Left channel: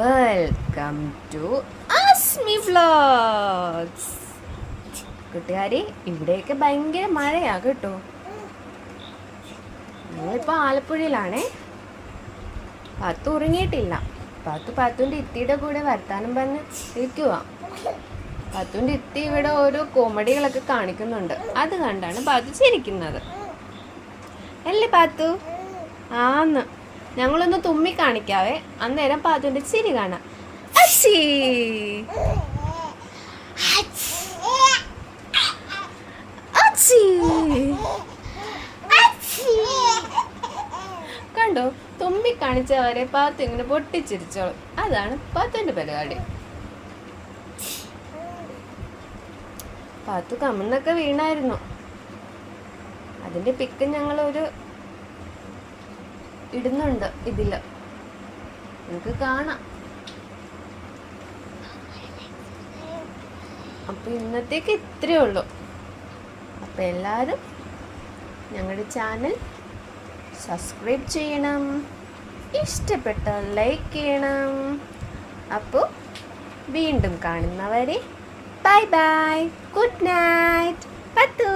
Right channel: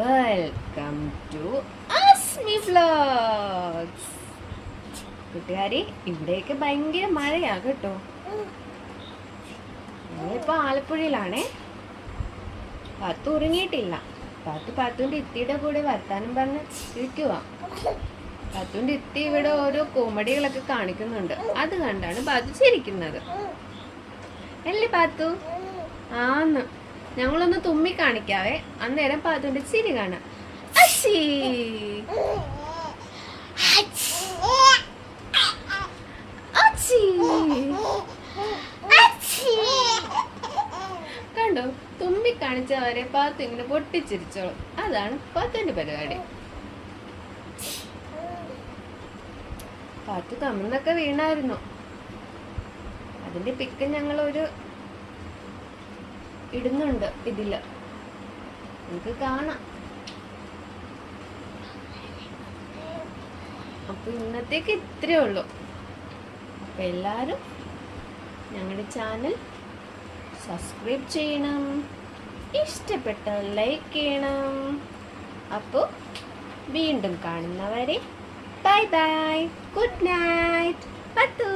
Welcome to Azmi vlogs. കൂട്ടുകാരി, ഇവിടെയൊക്കെ ഭയങ്കര മഴയാ കേട്ടോ. ഞങ്ങളിപ്പോൾ ആലപ്പുഴയിലാണേ. പാത്തു ഉറങ്ങിയിട്ടില്ല. പാത്തുൻ്റെ ഇത്തിയുടെ കൂടെ വർത്താനം പറഞ്ഞ് ഇരിക്കുക. പാത്തുൻ്റെ ഇത്തി ഇവിടെ ഓരോ കോമഡികളൊക്കെ കാണിക്കുന്നുണ്ട്. അത് കണ്ടാണ് പാത്തു ചിരിക്കുന്നത്. അല്ലേ പാത്തു? ആന്ന്. ഞങ്ങളൊന്ന് തുമ്മി കാണിക്കാവേ, അന്നേരം പാത്തുന്റെ ചിരി കാണാം. കണ്ടോ, തുമ്മി കാണിച്ചവരെ പാത്തു ഇങ്ങനെ പൊട്ടിച്ചിരിച്ചോളും. അതാണ് പാത്തുന്റെ പരിപാടി. പാത്തു കമ്മെന്നൊക്കെ വീണായിരുന്നു. അതിന്റെ പിക്ക് ഞങ്ങളൊരു ഇടുന്നുണ്ട് ഇതില്, നമുക്ക് കാണാം. അപ്പൊ ഇന്നത്തേക്ക് ഇത്രയേ ഉള്ളൂ. അപ്പൊ എല്ലാരും ഞങ്ങളുടെ ചാനൽ സബ്സ്ക്രൈബ് ചെയ്യണം, ഇഷ്ടപ്പെട്ടാൽ ലൈക്ക് ചെയ്യണം. അപ്പോൾ വീണ്ടും കാണുന്നവരെ ബൈ ബൈ, ഗുഡ് നൈറ്റ്. പത്തു.